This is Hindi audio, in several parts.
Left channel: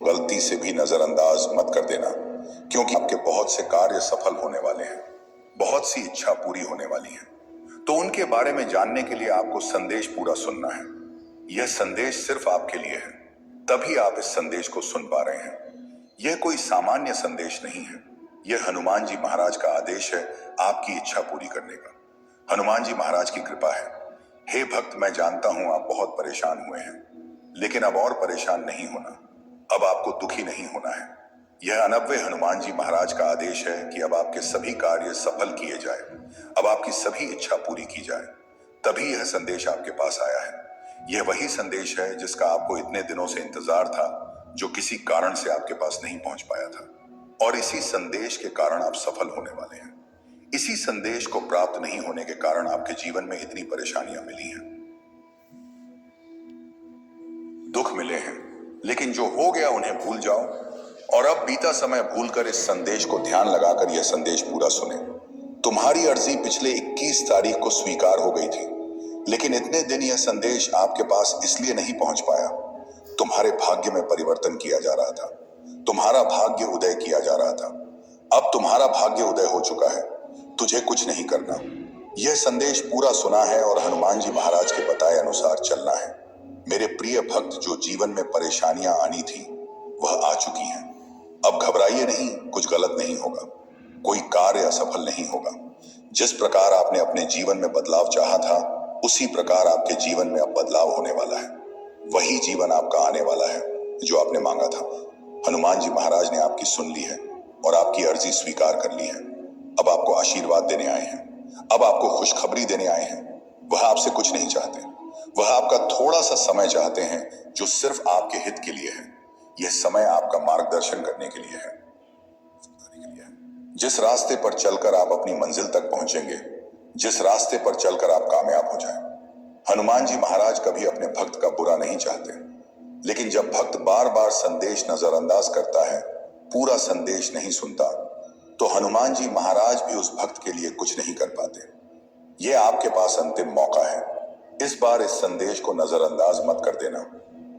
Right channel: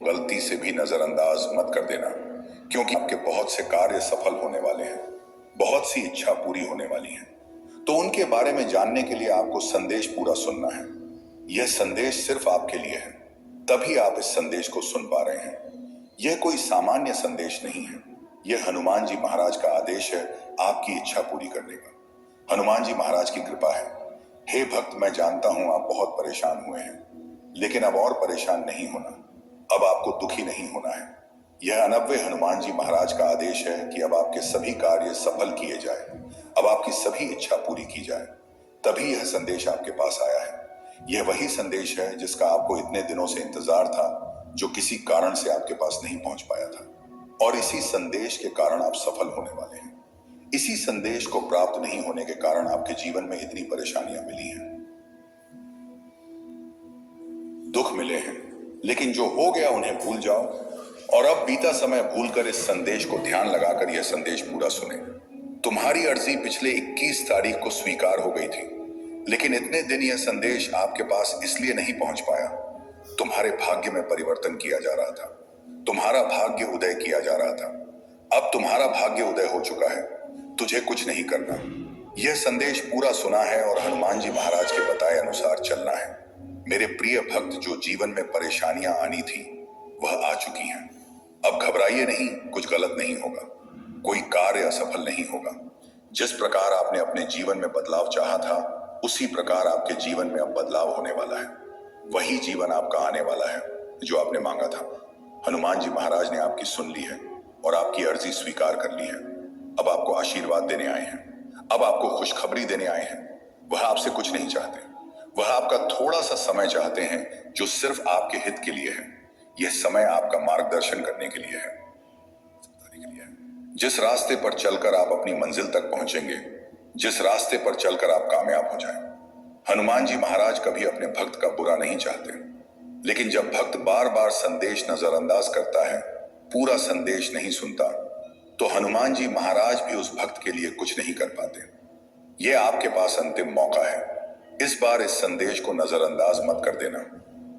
गलती से भी नजरअंदाज मत कर देना, क्योंकि आपके बहुत से कार्य सफल होने वाले हैं, बहुत सी इच्छा पूरी होने वाली है। तो उनके बारे में जानने के लिए आपको संदेश पूरा सुनना है। यह संदेश सिर्फ आपके लिए है, तभी आप इस संदेश को सुन पा रहे हैं। यह कोई सामान्य संदेश नहीं है, यह हनुमान जी महाराज का आदेश है आपकी इच्छा पूरी करने का। हनुमान जी महाराज की कृपा है। हे भक्त, मैं जानता हूं आप बहुत परेशान हुए हैं, लेकिन अब और परेशान नहीं होना, अब आपको दुखी नहीं होना है। यह अनव्य हनुमान जी महाराज का आदेश है कि अब आपके सभी कार्य सफल किए जाए, अब आपकी सभी इच्छा पूरी की जाए। तभी यह संदेश आपके पास आया है। यह वही संदेश है जिसका आपको इतने दिनों से इंतजार था, जो किसी कारण से आपके पास नहीं पहुंच पाया था। और इसी संदेश के कारण आप सफल होने वाले हैं। इसी संदेश को प्राप्त नहीं होने के कारण आपके जीवन में इतनी परेशानियां मिली हैं, दुख मिले हैं, लेकिन जो हो गया उन्हें भूल जाओ और अब बीता समय भूलकर इस संदेश को ध्यान लगाकर यह संदेश पूरा सुने। तुम्हारी अर्जी पिछले 21 तारीख को स्वीकार हो गई थी, लेकिन इतने दिन यह संदेश आपके पास इसलिए नहीं पहुंच पाया। तुम्हारे भाग्य में परिवर्तन किया जा रहा था, तुम्हारा भाग्य उदय किया जा रहा था। अब तुम्हारा भाग्य उदय हो चुका है, तुझे कुछ नहीं करना। यह संदेश पूरा सुना है और हनुमान जी महाराज के बताए अनुसार चलना है। मेरे प्रिय भक्त, जो जीवन में परेशानियां आनी थी वह आ चुकी हैं। अब घबराइए नहीं, कुछ गलत नहीं होगा, कोई कार्य असफल नहीं होगा। जिस प्रकार आपने अपने जीवन में बदलाव चाहा था, उसी प्रकार आपके जीवन में अब बदलाव होने वाला है। वही जीवन आपका आने वाला है जो आपने मांगा था। हनुमान जी महाराज ने आपकी सुन ली है और आपकी अर्जी स्वीकार कर ली है। अब आपको आशीर्वाद देने आए हैं, अब आपको खुशखबरी देने आए हैं। वह आपसे कुछ नहीं चाहते, वह आपका थोड़ा सा समय चाहते हैं जो सिर्फ आपके हित के लिए है। यह समय आपका मार्गदर्शन करने के लिए है। जिस रास्ते पर चलकर आप अपनी मंजिल तक पहुंचेंगे, जिस रास्ते पर चलकर आप कामयाब हो जाएं। हनुमान जी महाराज कभी अपने भक्त का बुरा नहीं चाहते, लेकिन जब भक्त बार बार संदेश नजरअंदाज करता है, पूरा संदेश नहीं सुनता, तो हनुमान जी महाराज भी उस भक्त के लिए कुछ नहीं कर पाते। यह आपके पास अंतिम मौका है। इस बार इस संदेश को नजरअंदाज मत कर देना,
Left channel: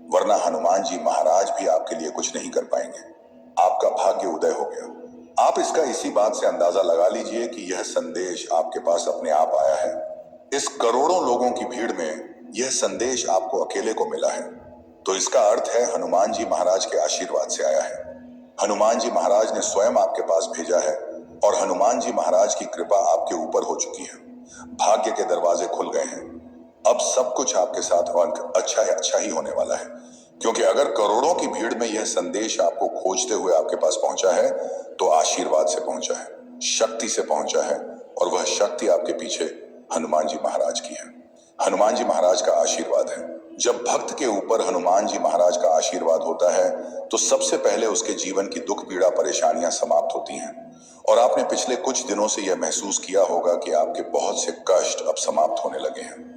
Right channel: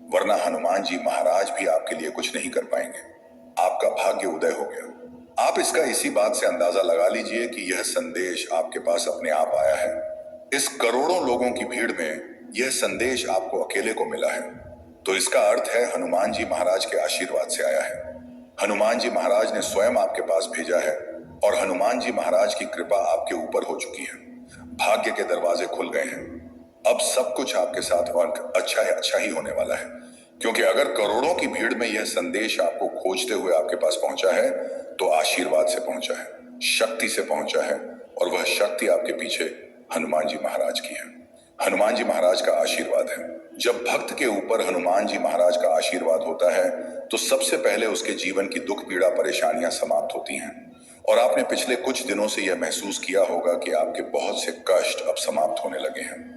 वरना हनुमान जी महाराज भी आपके लिए कुछ नहीं कर पाएंगे। आपका भाग्य उदय हो गया। आप इसका इसी बात से अंदाजा लगा लीजिए कि यह संदेश आपके पास अपने आप आया है। इस करोड़ों लोगों की भीड़ में यह संदेश आपको अकेले को मिला है, तो इसका अर्थ है हनुमान जी महाराज के आशीर्वाद से आया है। हनुमान जी महाराज ने स्वयं आपके पास भेजा है और हनुमान जी महाराज की कृपा आपके ऊपर हो चुकी है। भाग्य के दरवाजे खुल गए हैं। अब सब कुछ आपके साथ और अच्छा ही होने वाला है, क्योंकि अगर करोड़ों की भीड़ में यह संदेश आपको खोजते हुए आपके पास पहुंचा है, तो आशीर्वाद से पहुंचा है, शक्ति से पहुंचा है, और वह शक्ति आपके पीछे हनुमान जी महाराज की है। हनुमान जी महाराज का आशीर्वाद है। जब भक्त के ऊपर हनुमान जी महाराज का आशीर्वाद होता है, तो सबसे पहले उसके जीवन की दुख पीड़ा परेशानियां समाप्त होती हैं। और आपने पिछले कुछ दिनों से यह महसूस किया होगा कि आपके बहुत से कष्ट अब समाप्त होने लगे हैं।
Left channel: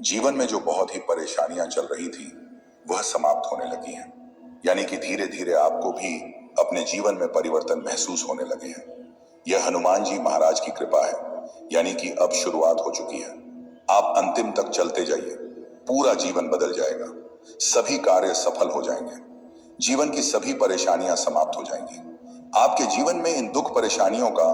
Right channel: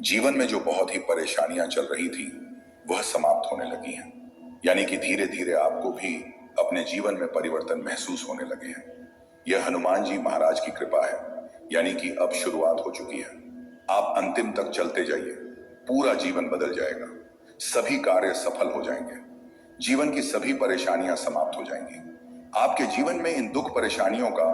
जीवन में जो बहुत ही परेशानियां चल रही थी, वह समाप्त होने लगी हैं। यानी कि धीरे धीरे आपको भी अपने जीवन में परिवर्तन महसूस होने लगे हैं। यह हनुमान जी महाराज की कृपा है, यानी कि अब शुरुआत हो चुकी है। आप अंतिम तक चलते जाइए, पूरा जीवन बदल जाएगा, सभी कार्य सफल हो जाएंगे, जीवन की सभी परेशानियां समाप्त हो जाएंगी। आपके जीवन में इन दुख परेशानियों का,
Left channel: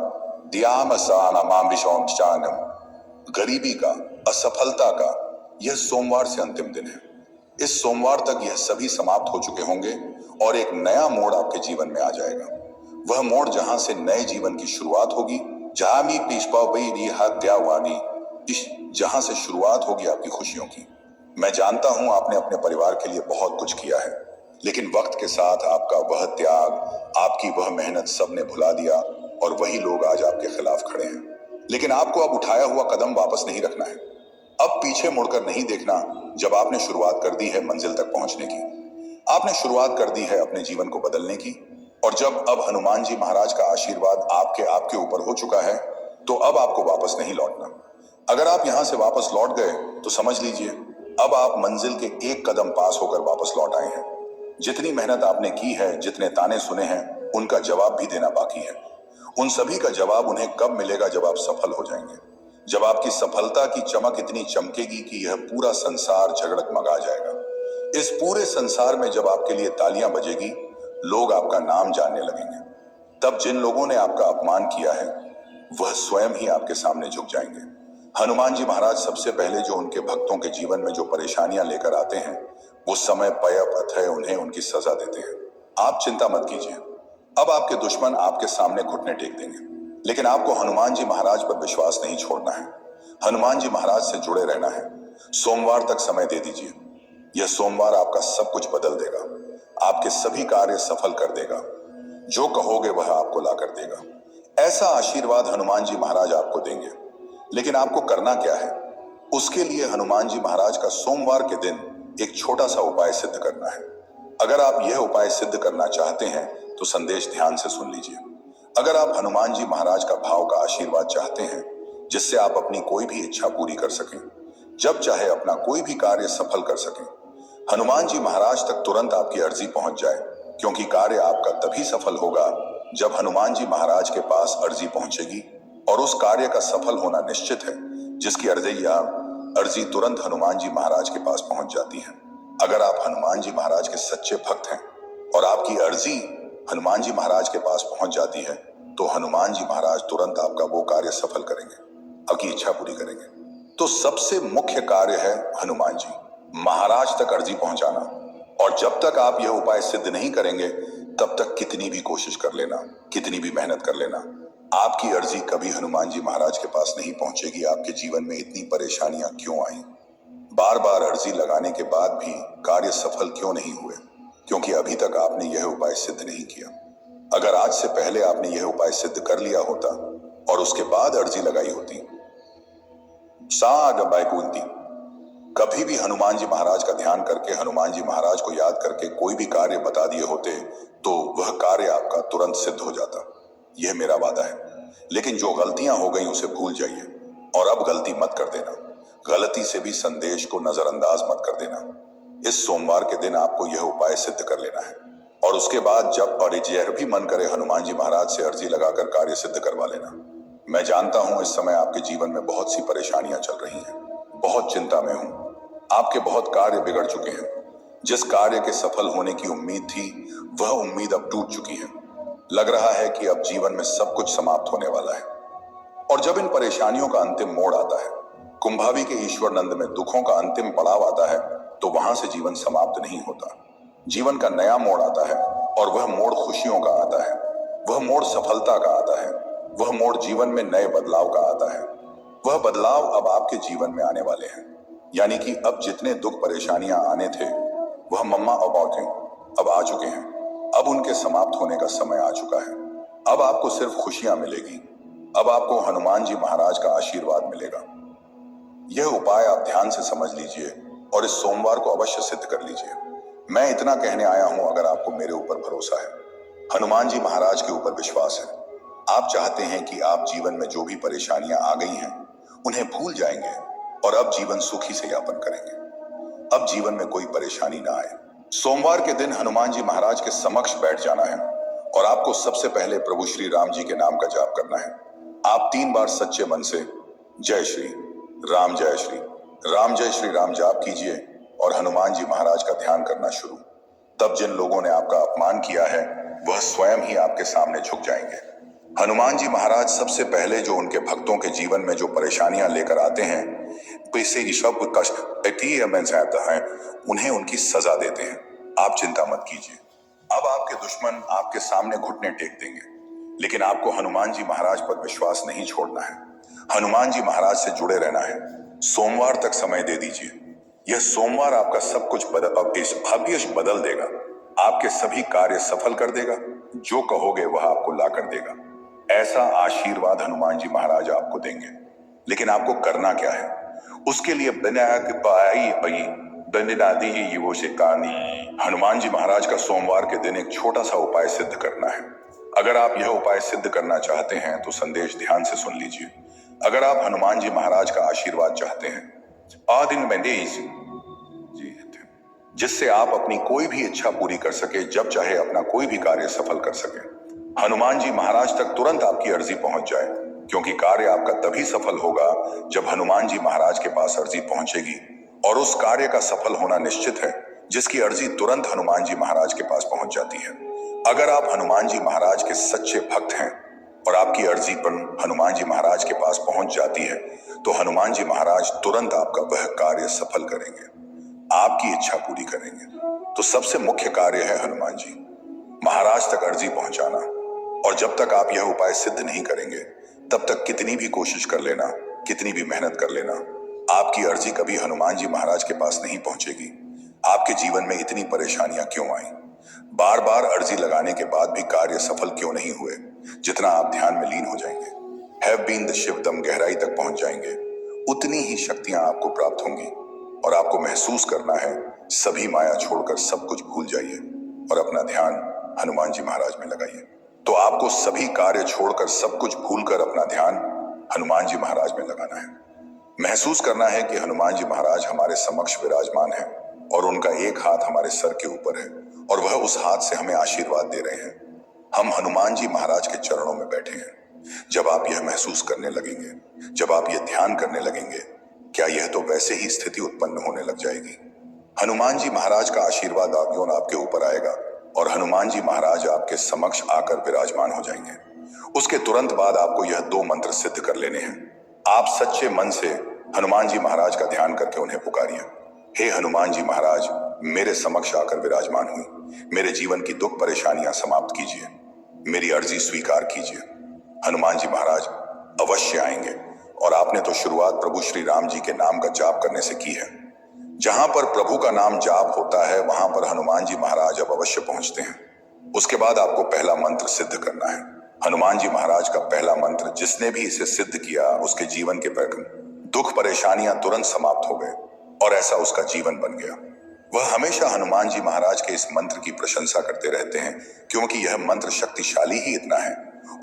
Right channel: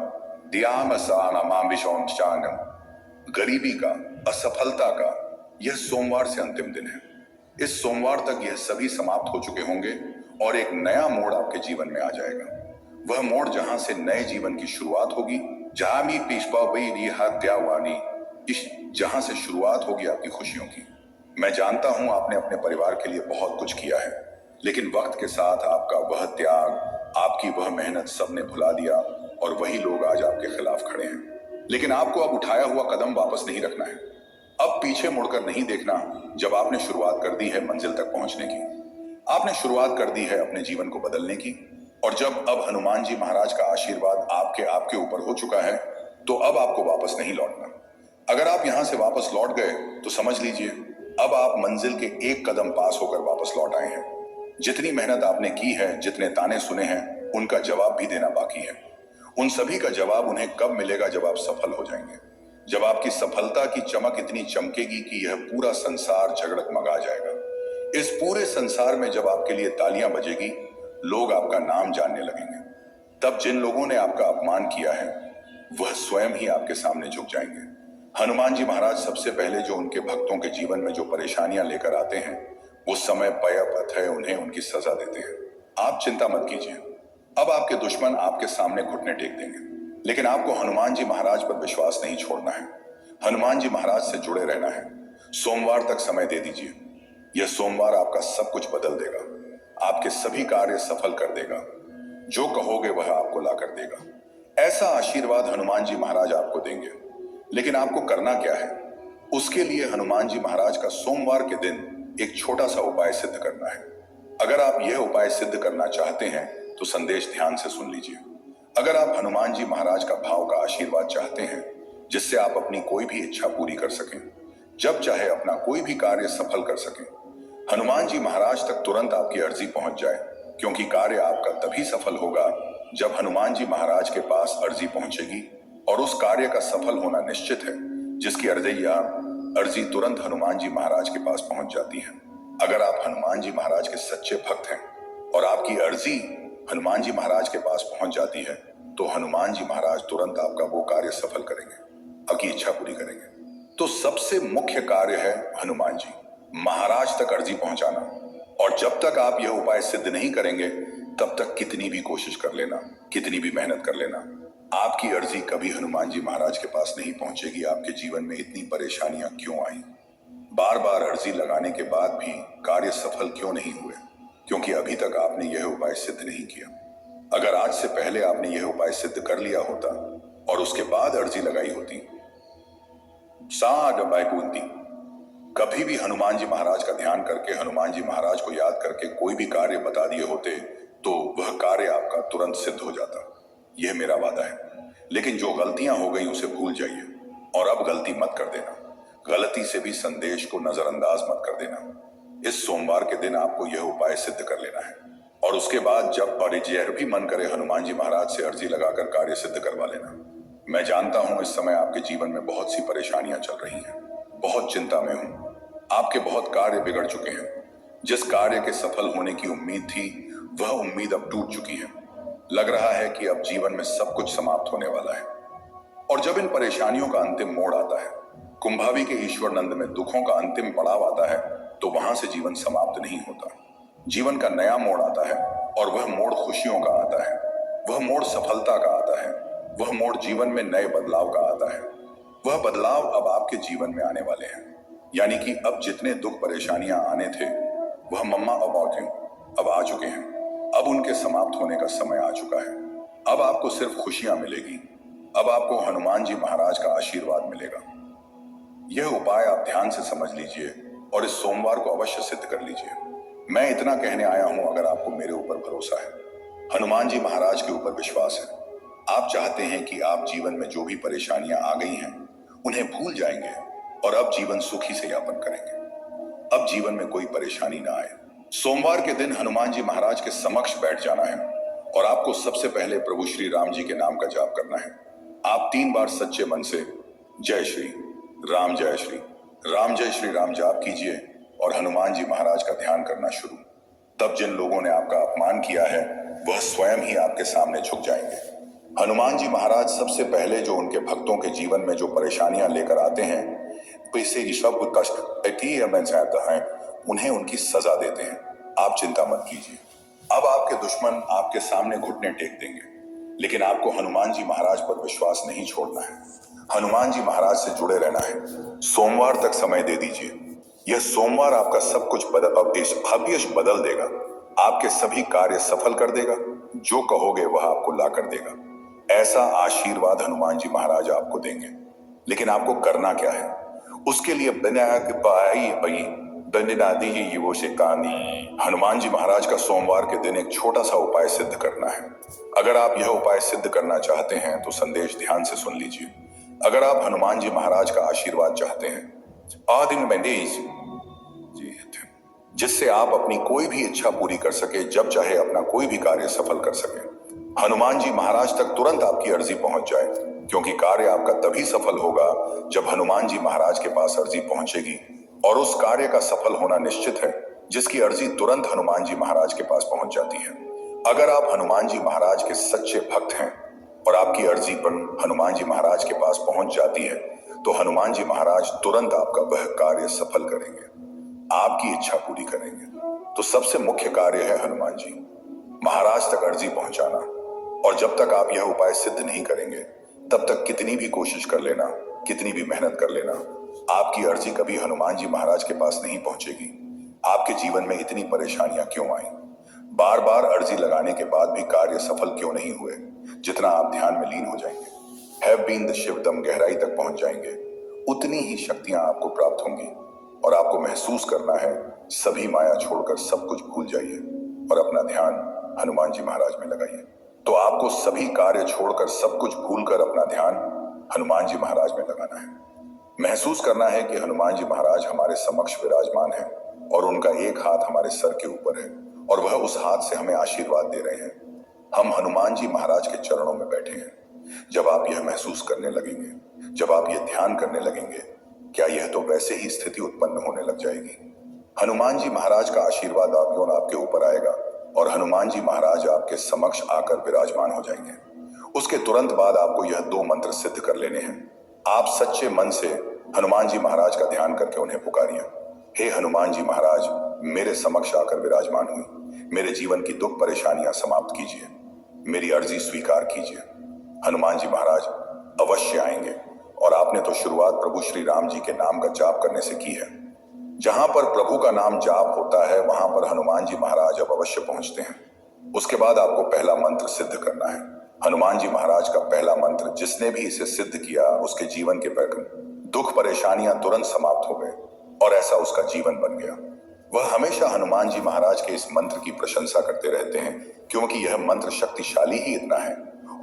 गरीबी का, असफलता का, यह सोमवार से अंतिम दिन है। इस सोमवार तक यह सभी समाप्त हो चुके होंगे और एक नया मोड़ आपके जीवन में आ जाएगा। वह मोड़ जहां से नए जीवन की शुरुआत होगी, जहां से शुरुआत होगी आपकी खुशियों की। मैं जानता हूं आपने अपने परिवार के लिए बहुत कुछ किया है, लेकिन वक्त के साथ आपका वह त्याग, आपकी वह मेहनत सबने भुला दिया और वही लोग आज आपके खिलाफ खड़े हैं। लेकिन आपको अब उठाया हुआ कदम वापस नहीं रखना है। अब पीछे मुड़कर नहीं देखना। जब आपने शुरुआत कर दी है मंजिल तक पहुंचने की, आपने शुरुआत कर दी है अपने जीवन को बदलने की, और जब अब हनुमान जी महाराज का आशीर्वाद आपके ऊपर हो चुका है, तो अब आपको वापस नहीं लौटना। अगर आप यहां से वापस लौट गए तो समझ लीजिए अब आप मंजिल के एक कदम पास होकर वापस लौट आए हैं। जितनी मेहनत आपने की है, जितने ताने सुने हैं, उनका जवाब भी देना बाकी है। उन सभी का जवाब उन्हें कब मिलेगा? जब आप सफल हो जाएंगे, जब आपकी सफलता की चमक इतनी चमकेगी कि यह पूरा संसार झगड़गमगा जाएगा। इस पूरे संसार में जब आपके लिए तालियां बजेगी, लोग आपका नाम जानने लगेंगे। तब जिन लोगों ने आपका अपमान किया है वह स्वयं ही आपके सामने झुक जाएंगे। हनुमान जी महाराज सबसे पहले जो उनके भक्तों के जीवन में जो परेशानियां लेकर आते हैं वो समय पयपथ है उन्हें उनकी सजा देते हैं। आप चिंता मत कीजिए, अब आपके दुश्मन आपके सामने घुटने टेक देंगे, लेकिन आपको हनुमान जी महाराज पर विश्वास नहीं छोड़ना है। हनुमान जी महाराज से जुड़े रहना है। सोमवार तक समय दे दीजिए। यह सोमवार आपका सब कुछ बदल देगा, आपके सभी कार्य सफल कर देगा। जो कहोगे वह आपको ला कर देगा। ऐसा आशीर्वाद हनुमान जी महाराज आपको देंगे। लेकिन आपको करना क्या है? उसके लिए हनुमान जी महाराज का सोमवार के दिन एक छोटा सा उपाय सिद्ध करना है। अगर आप यह उपाय सिद्ध करना चाहते हैं तो संदेश ध्यान से सुन लीजिए। अगर आप हनुमान जी महाराज का भाव का आशीर्वाद चाहते हैं जिससे आप अपनी कोई भी इच्छा पूरी कर सकें, जब चाहे अपना कोई भी कार्य सफल कर सकें, हनुमान जी महाराज तक तुरंत आपकी अर्जी पहुंच जाए, क्योंकि कार्य आपका तभी सफल होगा जब हनुमान जी महाराज के पास अर्जी पहुंचेगी और उस कार्य का सफल होना निश्चित है जिसकी अर्जी तुरंत हनुमान जी महाराज के पास पहुंच जाती है। अगर आप हनुमान जी महाराज के सच्चे भक्त हैं और आपकी अर्जी हनुमान जी महाराज के पास पहुंच जाती है तो हनुमान जी महाराज तुरंत आपका वो कार्य सफल करेंगे, आपकी इच्छा पूरी करेंगे। तो सबसे मुख्य कार्य है हनुमान जी महाराज तक अर्जी पहुंचाना। और जब तक आप यह उपाय सिद्ध नहीं करेंगे तब तक कितनी भी कोशिश कर लेना, कितनी भी मेहनत कर लेना, आपकी अर्जी कभी हनुमान जी महाराज के पास नहीं पहुंचेगी। आपके जीवन में इतनी परेशानियां क्यों आई? बार बार अर्जी लगाने के बाद भी कार्य सफल क्यों नहीं हुए? क्योंकि अभी तक आपने यह उपाय सिद्ध नहीं किया। अगर आज से पहले आपने यह उपाय सिद्ध कर लिया होता और उसके बाद अर्जी लगाई होती, कभी भी हनुमान जी महाराज का ध्यान करके, हनुमान जी महाराज को याद करके कोई भी कार्य बता दिए होते तो वह कार्य आपका तुरंत सिद्ध हो जाता। यह मेरा वादा है। लेकिन जो गलतियां हो गई उसे भूल जाइए और अब गलती मत कर देना। गलती से भी संदेश को नजरअंदाज मत कर देना। इस सोमवार के दिन आपको यह उपाय सिद्ध कर लेना है और उसके बाद जब और यह भी मन करे हनुमान जी महाराज से अर्जी लगाकर कार्य सिद्ध करवा लेना। मैं जानता हूं इस समय आपके जीवन में बहुत सी परेशानियां चल रही हैं, बहुत चिंता में हूं। आपके बहुत कार्य बिगड़ चुके हैं। जिस कार्य के सफल होने की उम्मीद थी वह उम्मीद अब टूट चुकी है। लग रहा है कि अब जीवन में सब कुछ समाप्त होने वाला है। और जब इन परेशानियों का अंतिम मोड़ आता है, कुंभावी के ईश्वर नंद में दुखों का अंतिम पड़ाव आता है, तो वहां से जीवन समाप्त नहीं होता। जीवन का नया मोड़ आता है और वह मोड़ खुशियों का आता है, वह मोड़ सफलता का आता है, वह मोड़ जीवन में नए बदलाव का आता है। वह बदलाव अब आपके जीवन में आने वाले हैं। यानी कि अब जितने दुख परेशानियां आने थे वह मम्मा अब आ चुके हैं। अब उनके समाप्त होने का समय आ चुका है। अब आपको सिर्फ खुशियां मिलेगी। अब आपको हनुमान जी महाराज का आशीर्वाद मिलेगा। यह उपाय आप ध्यान से समझ लीजिए और इस सोमवार को अवश्य सिद्ध कर लीजिए। मैं इतना कहने आया हूं, अगर आपको मेरे ऊपर भरोसा है, हनुमान जी महाराज के ऊपर विश्वास है, आप चाहते हैं कि आप जीवन में जो भी परेशानियां आ गई हैं उन्हें भूल जाएंगे और अब जीवन सुखी से यापन करेंगे। अब जीवन में कोई परेशानी ना आए। सोमवार के दिन हनुमान जी महाराज के समक्ष बैठ जाना है और आपको सबसे पहले प्रभु श्री राम जी के नाम का जाप करना है। आप 3 बार सच्चे मन से जय श्री राम जय श्री राम जाप कीजिए और हनुमान जी महाराज का ध्यान करना शुरू। तब जिन लोगों ने आपका अपमान किया है वह स्वयं ही आपके सामने झुक जाएंगे। हनुमान जी महाराज सबसे पहले जो उनके भक्तों के जीवन में जो परेशानियां लेकर आते हैं, पैसे सब कष्ट है, उन्हें उनकी सजा देते हैं। आप चिंता मत कीजिए। अब आपके दुश्मन आपके सामने घुटने टेक देंगे, लेकिन आपको हनुमान जी महाराज पर विश्वास नहीं छोड़ना है। हनुमान जी महाराज से जुड़े रहना है। सोमवार तक समय दे दीजिए। यह सोमवार आपका सब कुछ भविष्य बदल देगा, आपके सभी कार्य सफल कर देगा। जो कहोगे वह आपको ला कर देगा। ऐसा आशीर्वाद हनुमान जी महाराज आपको देंगे। लेकिन आपको करना क्या है? उसके लिए हनुमान जी महाराज का सोमवार के दिन एक छोटा सा उपाय सिद्ध करना है। अगर आप यह उपाय सिद्ध करना चाहते हैं तो संदेश ध्यान से सुन लीजिए। अगर आप हनुमान जी महाराज का आशीर्वाद चाहते हैं जिससे आप अपनी कोई भी इच्छा पूरी कर सके, जब चाहे अपना कोई भी कार्य सफल कर सके, हनुमान जी महाराज तक तुरंत आपकी अर्जी पहुंच जाए, क्योंकि कार्य आपका तभी सफल होगा जब हनुमान जी महाराज के पास अर्जी पहुंचेगी और उस कार्य का सफल होना निश्चित है जिसकी अर्जी तुरंत हनुमान जी महाराज के पास पहुंच जाती है। अगर आप हनुमान जी महाराज के सच्चे भक्त हैं और आपकी अर्जी पर हनुमान जी महाराज के पास पहुंच जाती है, तो हनुमान जी महाराज तुरंत आपका वह कार्य सफल करेंगे, आपकी इच्छा पूरी करेंगे। तो सबसे मुख्य कार्य है हनुमान जी महाराज तक अर्जी पहुंचाना। और जब तक आप यह उपाय सिद्ध नहीं करेंगे, तब तक कितनी भी कोशिश कर लेना, कितनी भी मेहनत कर लेना, आपकी अर्जी कभी हनुमान जी महाराज के पास नहीं पहुंचेगी। आपके जीवन में इतनी परेशानियां क्यों आई? बार बार अर्जी लगाने के बाद भी कार्य सफल क्यों नहीं हुए? जितना आप ध्यान में लीन हो जाएंगे, हैव बीन द शिवदम गहराई तक पहुंच जाएंगे, उतनी ही शक्तियां आपको प्राप्त होंगी। और आपको महसूस करना है, सभी माया छोड़कर सब कुछ भूल जाइए और अपना ध्यान हनुमान जी महाराज में लगाइए। तो आपको सभी कार्य छोड़कर सब कुछ भूलकर अपना ध्यान हनुमान जी महाराज में लगाना है। महसूस करना है कि हनुमान जी महाराज हमारे समक्ष विराजमान है और उनका एक हाथ हमारे सर के ऊपर है और वह उस हाथ से हमें आशीर्वाद दे रहे हैं। हम हनुमान जी महाराज के चरणों में बैठे हैं। जब आप यह महसूस करने लगेंगे, जब आप यह ध्यान करने लगेंगे, क्या यह तो वैसे ही स्थिति उत्पन्न होने लग जाएगी। हनुमान जी महाराज का आशीर्वाद आपके ऊपर आएगा और हनुमान जी महाराज आपके समक्ष आकर विराजमान हो जाएंगे। उसके तुरंत बाद आपको यह 2 मंत्र सिद्ध कर लेने हैं। आप सच्चे मन से हनुमान जी महाराज का ध्यान करके उन्हें पुकारिए। हे हनुमान जी महाराज, मेरे समक्ष आकर विराजमान हुई, मेरे जीवन की दुख परेशानियां समाप्त कीजिए, मेरी अर्जी स्वीकार कीजिए। हनुमान जी महाराज अवश्य आएंगे और आपने तो शुरुआत प्रभु श्री राम जी के नाम का जाप करने से की है। जहां पर प्रभु का नाम जाप होता है, वहां पर हनुमान जी महाराज अब अवश्य पहुंचते हैं। उसके बाद आपको पहला मंत्र सिद्ध करना है। हनुमान जी महाराज का पहला मंत्र, जिसने भी इसे सिद्ध किया, उसके जीवन के दुख परेशानियां तुरंत समाप्त हो गए और ऐसा उसका जीवन बन गया। वह हमेशा हनुमान जी महाराज के इस मंत्र की प्रशंसा करते रहते हैं, क्योंकि यह मंत्र शक्तिशाली ही इतना है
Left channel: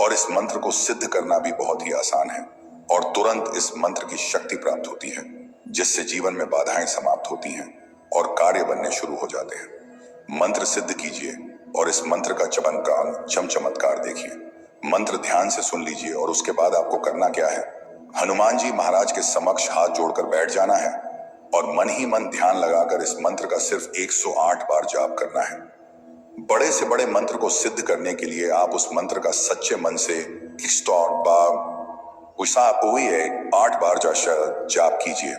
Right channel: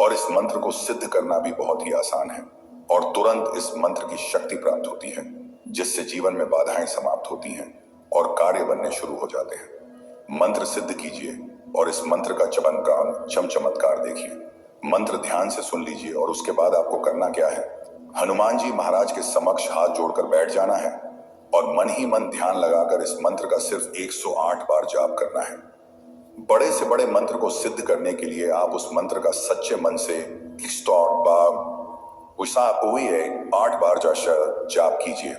और इस मंत्र को सिद्ध करना भी बहुत ही आसान है। और तुरंत इस मंत्र की शक्ति प्राप्त होती है, जिससे जीवन में बाधाएं समाप्त होती हैं और कार्य बनने शुरू हो जाते हैं। मंत्र सिद्ध कीजिए और इस मंत्र का चमत्कार देखिए। मंत्र ध्यान से सुन लीजिए और उसके बाद आपको करना क्या है, हनुमान जी महाराज के समक्ष हाथ जोड़कर बैठ जाना है और मन ही मन ध्यान लगाकर इस मंत्र का सिर्फ 108 बार जाप करना है। बड़े से बड़े मंत्र को सिद्ध करने के लिए आप उस मंत्र का सच्चे मन से 8 बार जाप कीजिए।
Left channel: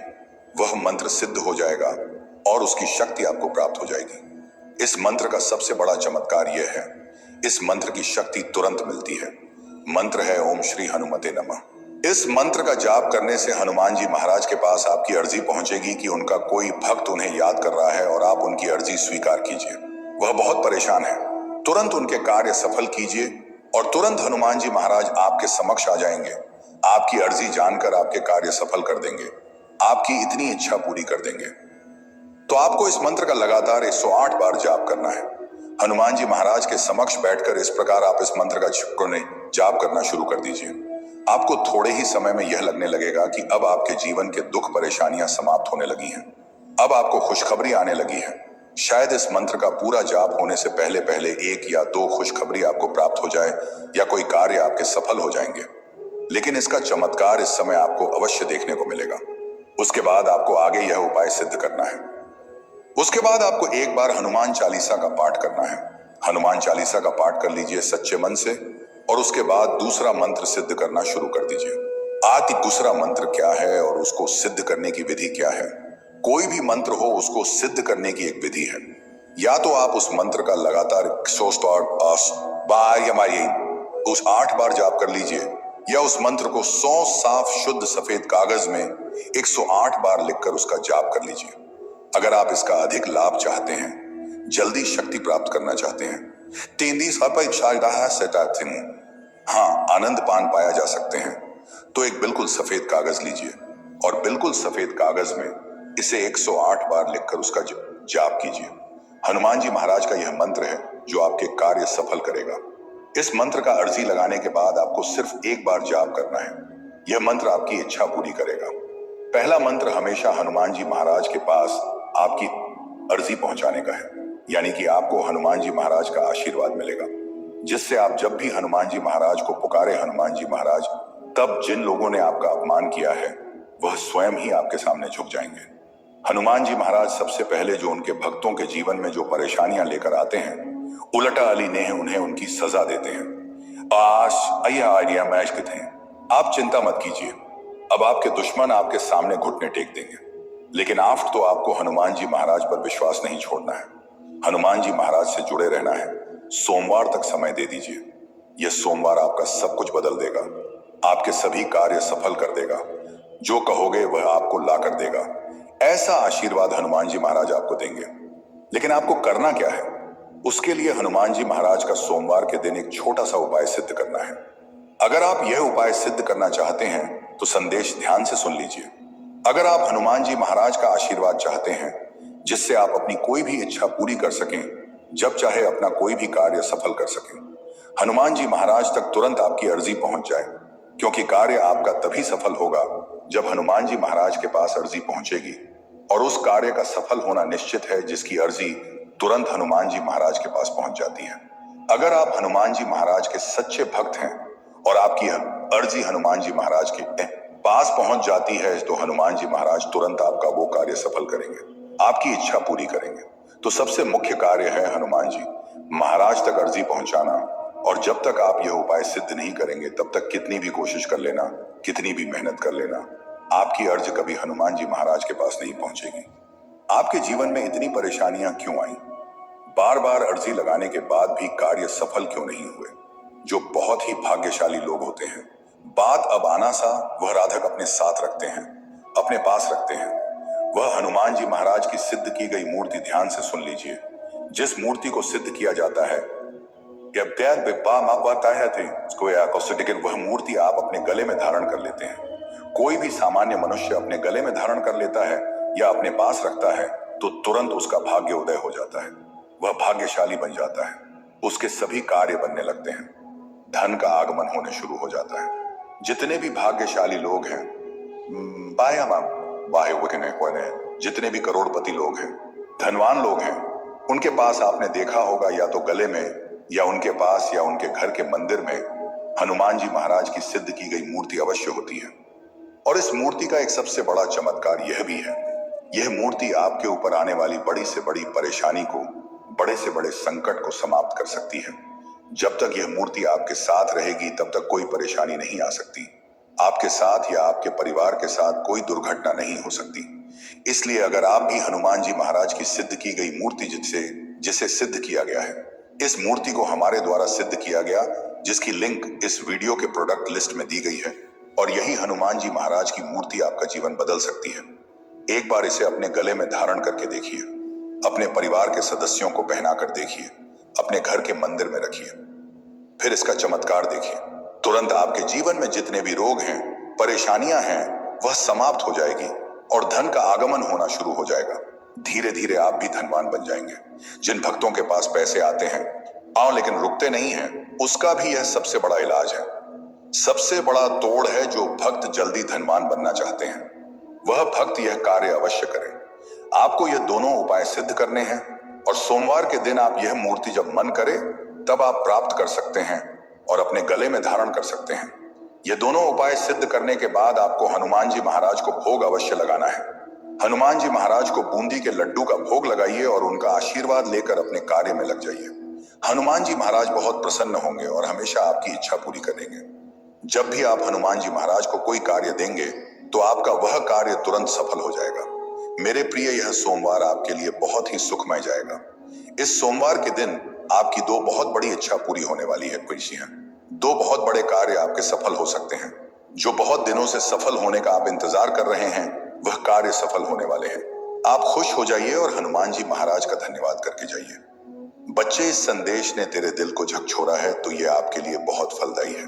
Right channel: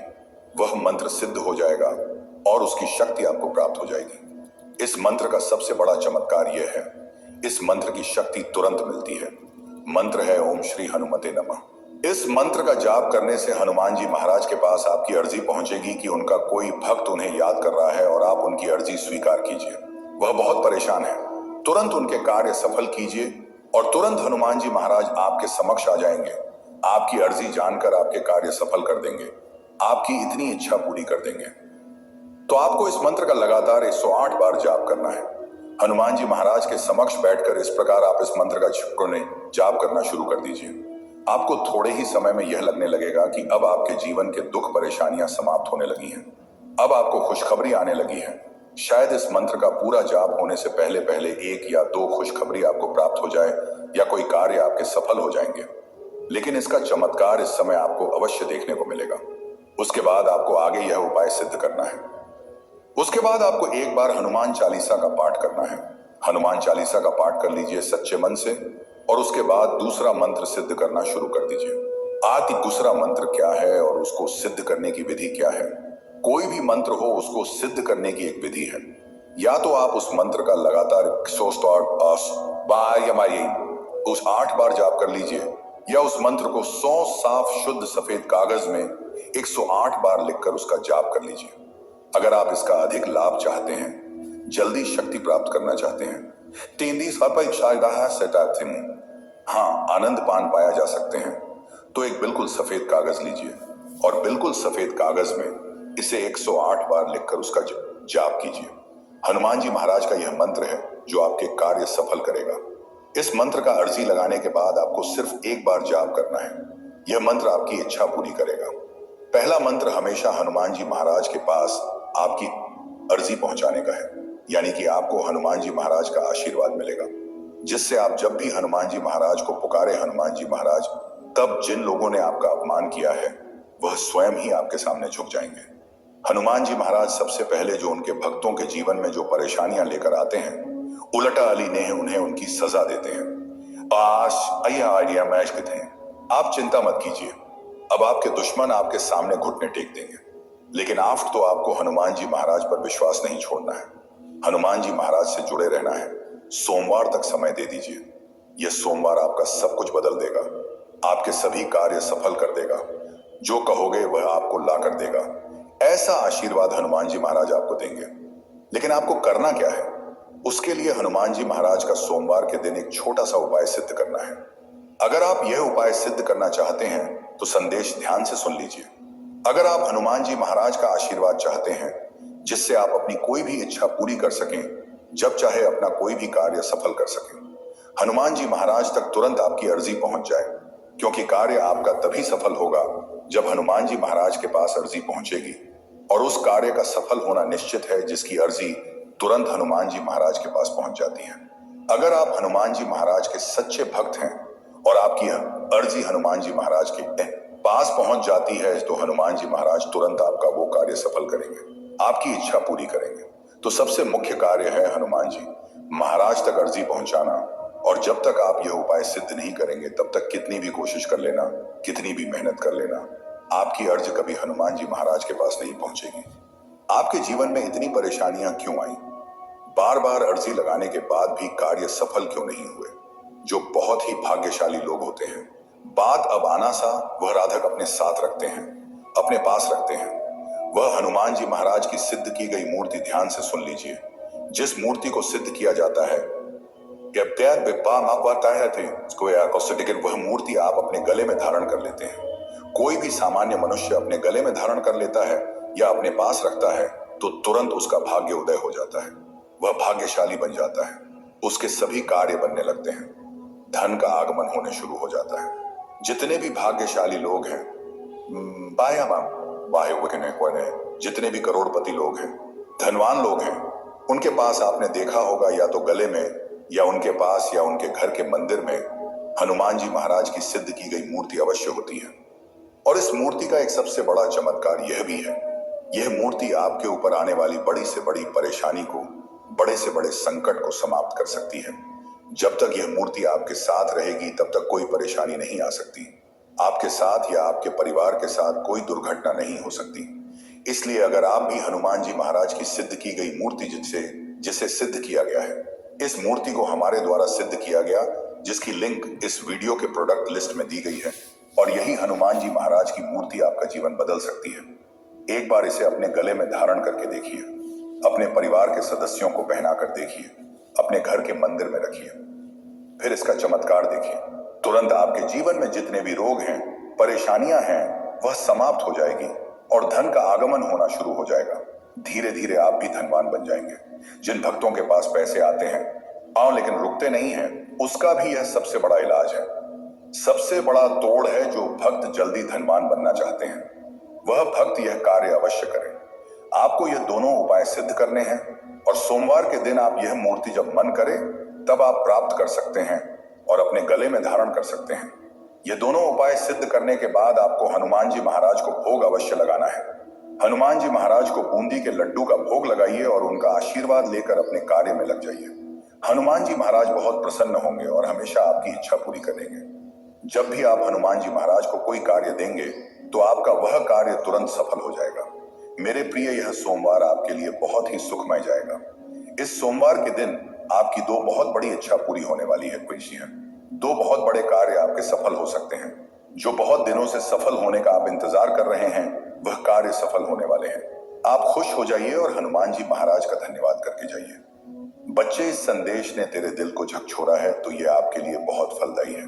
वह मंत्र सिद्ध हो जाएगा और उसकी शक्ति आपको प्राप्त हो जाएगी। इस मंत्र का सबसे बड़ा चमत्कार यह है, इस मंत्र की शक्ति तुरंत मिलती है। मंत्र है ओम श्री हनुमते नमः। इस मंत्र का जाप करने से हनुमान जी महाराज के पास आपकी अर्जी पहुंचेगी कि उनका कोई भक्त उन्हें याद कर रहा है और आप उनकी अर्जी स्वीकार कीजिए। वह बहुत परेशान है, तुरंत उनके कार्य सफल कीजिए और तुरंत हनुमान जी महाराज आपके समक्ष आ जाएंगे। आपकी अर्जी जानकर आपके कार्य सफल कर देंगे, आपकी इतनी इच्छा पूरी कर देंगे। तो आपको इस मंत्र का लगातार 108 बार जाप करना है। हनुमान जी महाराज के समक्ष बैठकर इस प्रकार आप इस मंत्र का जाप करना शुरू कर दीजिए। आपको थोड़े ही समय में यह लगने लगेगा कि अब आपके जीवन के दुख परेशानियां समाप्त होने लगी हैं। अब आपको खुशखबरी आने लगी है। शायद इस मंत्र का पूरा जाप होने से पहले पहले 1 या 2 खुशखबरी आपको प्राप्त हो जाए या कोई कार्य आपके सफल हो जाएंगे, लेकिन इसका चमत्कार इस समय आपको अवश्य देखने को मिलेगा। उसके बाद आपको आगे यह उपाय सिद्ध करना है। उसके बाद आपको एक बार हनुमान चालीसा का पाठ करना है। हनुमान चालीसा का पाठ कर लीजिए सच्चे मन से और उसके बाद दूसरा मंत्र सिद्ध करना शुरू कर दीजिए। आदि दूसरा मंत्र क्या है और उसको सिद्ध करने की विधि क्या है? कोई भी मंत्र हो, उसको सिद्ध करने की एक विधि है। या तो आप उस मंत्र का लगातार 8 बार जाप कर लीजिए, या उस मंत्र को 100 साफ शुद्ध सफेद कागज में 108 बार लिखकर उसका जाप कर लीजिए। अगर आप इसका अधिक लाभ चाहते हैं, जल्दी शक्ति प्राप्त करना चाहते हैं, हाँ, आनंद पान पाया जा सकते हैं, तो एक बिल्कुल सफेद कागज लीजिए और बिल्कुल सफेद कागज में इसे 108 बार लिखकर उसका जाप कीजिए। हनुमान जी महाराज का यह मंत्र है जो आपके कार्य सफल करेगा। इस मंत्र का अर्जी लगाने के बाद आपको सिर्फ एक बार जाप करना है। यह मंत्र आपकी इच्छा पूरी करेगा। पहला मंत्र हमेशा हनुमान जी महाराज के पास आपकी अर्जी पहुंचाने का है, यानी कि आपको हनुमान जी महाराज का आशीर्वाद मिलेगा, जिससे आप जब भी हनुमान जी महाराज को पुकारे हनुमान जी महाराज, तब जिन लोगों ने आपका अपमान किया है वह स्वयं ही आपके सामने झुक जाएंगे। हनुमान जी महाराज सबसे पहले जो उनके भक्तों के जीवन में जो परेशानियां लेकर आते हैं, उलटा अली ने उन्हें उनकी सजा देते हैं। आश अय्या आइडिया मैच के थे। आप चिंता मत कीजिए, अब आपके दुश्मन आपके सामने घुटने टेक देंगे। लेकिन आफ्ट तो आपको हनुमान जी महाराज पर विश्वास नहीं छोड़ना है। हनुमान जी महाराज से जुड़े रहना है। सोमवार तक समय दे दीजिए। यह सोमवार आपका सब कुछ बदल देगा, आपके सभी कार्य सफल कर देगा। जो कहोगे वह आपको ला कर देगा। ऐसा आशीर्वाद हनुमान जी महाराज आपको देंगे। लेकिन आपको करना क्या है? उसके लिए हनुमान जी महाराज का सोमवार के दिन एक छोटा सा उपाय सिद्ध करना है। अगर आप यह उपाय सिद्ध करना चाहते हैं तो संदेश ध्यान से सुन लीजिए। अगर आप हनुमान जी महाराज का आशीर्वाद चाहते हैं जिससे आप अपनी कोई भी इच्छा पूरी कर सकें, जब चाहे अपना कोई भी कार्य सफल कर सकें, हनुमान जी महाराज तक तुरंत आपकी अर्जी पहुंच जाए। क्योंकि कार्य आपका तभी सफल होगा जब हनुमान जी महाराज के पास अर्जी पहुंचेगी, और उस कार्य का सफल होना निश्चित है जिसकी अर्जी तुरंत हनुमान जी महाराज के पास पहुंच जाती है। अगर आप हनुमान जी महाराज के सच्चे भक्त हैं और आपकी अर्जी हनुमान जी महाराज के पास पहुंच जाती है, तो हनुमान जी महाराज तुरंत आपका वो कार्य सफल करेंगे, आपकी इच्छा पूरी करेंगे। तो सबसे मुख्य कार्य है हनुमान जी महाराज तक अर्जी पहुंचाना। और जब तक आप यह उपाय सिद्ध नहीं करेंगे तब तक कितनी भी कोशिश कर लेना, कितनी भी मेहनत कर लेना, आपकी अर्ज कभी हनुमान जी महाराज के पास नहीं पहुंचेगी। आपके जीवन में इतनी परेशानियां क्यों आई? बार बार अर्जी लगाने के बाद भी कार्य सफल क्यों नहीं हुए? जो बहुत ही भाग्यशाली लोग होते हैं, बात अब आना सा वह राधक अपने साथ रखते हैं, अपने पास रखते हैं। वह हनुमान जी महाराज की सिद्ध की गई मूर्ति ध्यान से सुन लीजिए। जिस मूर्ति को सिद्ध किया जाता है वह मूर्ति आप अपने गले में धारण कर लेते हैं। कोई भी सामान्य मनुष्य अपने गले में धारण कर लेता है या अपने पास रखता है तो तुरंत उसका भाग्य उदय हो जाता है, वह भाग्यशाली बन जाता है, उसके सभी कार्य बनने लगते हैं, धन का आगमन होने शुरू हो जाता है। जितने भी भाग्यशाली लोग हैं, जितने भी करोड़पति लोग हैं, धनवान लोग हैं, उनके पास आपने देखा होगा या तो गले में या उनके पास या उनके घर के मंदिर में हनुमान जी महाराज की सिद्ध की गई मूर्ति अवश्य होती है। और इस मूर्ति का एक सबसे बड़ा चमत्कार यह भी है, यह मूर्ति आपके ऊपर आने वाली बड़ी से बड़ी परेशानी को, बड़े से बड़े संकट को समाप्त कर सकती है। जब तक यह मूर्ति आपके साथ रहेगी तब तक कोई परेशानी नहीं आ सकती। आपके साथ या आपके परिवार के साथ कोई दुर्घटना नहीं हो सकती। इसलिए अगर आप भी हनुमान जी महाराज की सिद्ध की गई मूर्ति जिसे सिद्ध किया गया है, इस मूर्ति को हमारे द्वारा सिद्ध किया गया, जिसकी लिंक इस वीडियो के प्रोडक्ट लिस्ट में दी गई है, और यही हनुमान जी महाराज की मूर्ति आपका जीवन बदल सकती है। एक बार इसे अपने गले में धारण करके देखिए, अपने परिवार के सदस्यों को पहना कर देखिए, अपने घर के मंदिर में रखिए, फिर इसका चमत्कार देखिए। तुरंत आपके जीवन में जितने भी रोग हैं, परेशानियां हैं, वह समाप्त हो जाएगी और धन का आगमन होना शुरू हो जाएगा। धीरे धीरे आप भी धनवान बन जाएंगे। जिन भक्तों के पास पैसे आते हैं लेकिन रुकते नहीं हैं, उसका भी यह सबसे बड़ा इलाज है। सबसे बड़ा तोड़ है जो भक्त जल्दी धनवान बनना चाहते हैं, वह भक्त यह कार्य अवश्य करें। आपको यह दोनों उपाय सिद्ध करने हैं और सोमवार के दिन आप यह मूर्ति जब मन करे तब आप प्राप्त कर सकते हैं और अपने गले में धारण कर सकते हैं। ये दोनों उपाय सिद्ध करने के बाद आपको हनुमान जी महाराज को भोग अवश्य लगाना है। हनुमान जी महाराज को बूंदी के लड्डू का भोग लगाइए और उनका आशीर्वाद लेकर अपने कार्य में लग जाइए। हनुमान जी महाराज बहुत प्रसन्न होंगे और हमेशा आपकी इच्छा पूरी करेंगे। जब भी आप हनुमान जी महाराज को कोई कार्य देंगे तो आपका वह कार्य तुरंत सफल हो जाएगा। मेरे प्रिय, यह सोमवार आपके लिए बहुत ही सुखमय जाएगा। इस सोमवार के दिन आपकी दो बहुत बड़ी इच्छा पूरी होने वाली है। दो बहुत बड़े कार्य आपके सफल हो सकते हैं। जो बहुत दिनों से सफल होने का आप इंतजार कर रहे हैं, वह कार्य सफल होने वाले हैं। आप खुश हो जाइए और हनुमान जी महाराज का धन्यवाद करके जाइए। बच्चे, इस संदेश ने तेरे दिल को झकझोरा है तो यह आपके लिए बहुत फलदायी है।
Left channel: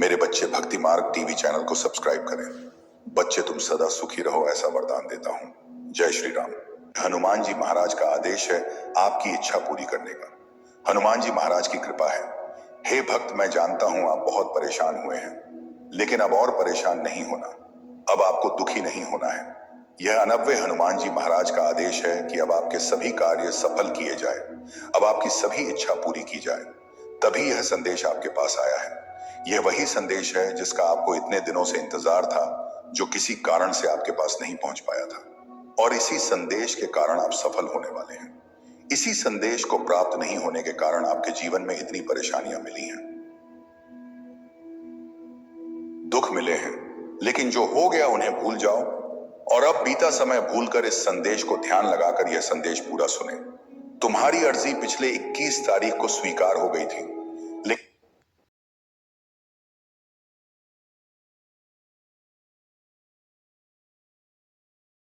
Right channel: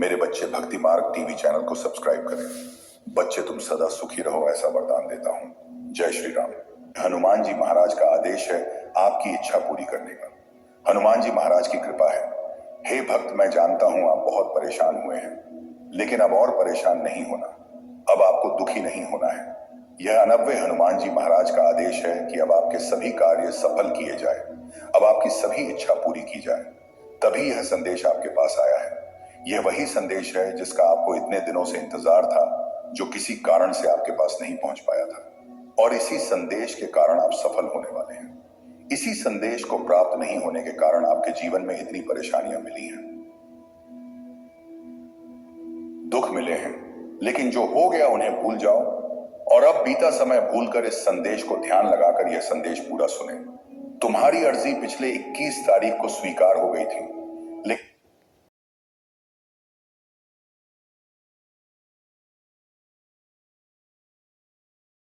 मेरे बच्चे, भक्ति मार्ग टीवी चैनल को सब्सक्राइब करें। बच्चे, तुम सदा सुखी रहो, ऐसा वरदान देता हूँ। जय श्री राम। हनुमान जी महाराज का आदेश है आपकी इच्छा पूरी करने का। हनुमान जी महाराज की कृपा है। हे भक्त, मैं जानता हूं आप बहुत परेशान हुए हैं, लेकिन अब और परेशान नहीं होना। अब आपको दुखी नहीं होना है। यह अनव्य हनुमान जी महाराज का आदेश है कि अब आपके सभी कार्य सफल किए जाए, अब आपकी सभी इच्छा पूरी की जाए। तभी यह संदेश आपके पास आया है। यह वही संदेश है जिसका आपको इतने दिनों से इंतजार था, जो किसी कारण से आपके पास नहीं पहुंच पाया था, और इसी संदेश के कारण आप सफल होने वाले हैं। इसी संदेश को प्राप्त नहीं होने के कारण आपके जीवन में इतनी परेशानियां मिली हैं, दुख मिले हैं, लेकिन जो हो गया उन्हें भूल जाओ और अब बीता समय भूलकर इस संदेश को ध्यान लगाकर यह संदेश पूरा सुने। तुम्हारी अर्जी पिछले 21 तारीख को स्वीकार हो गई थी, लेकिन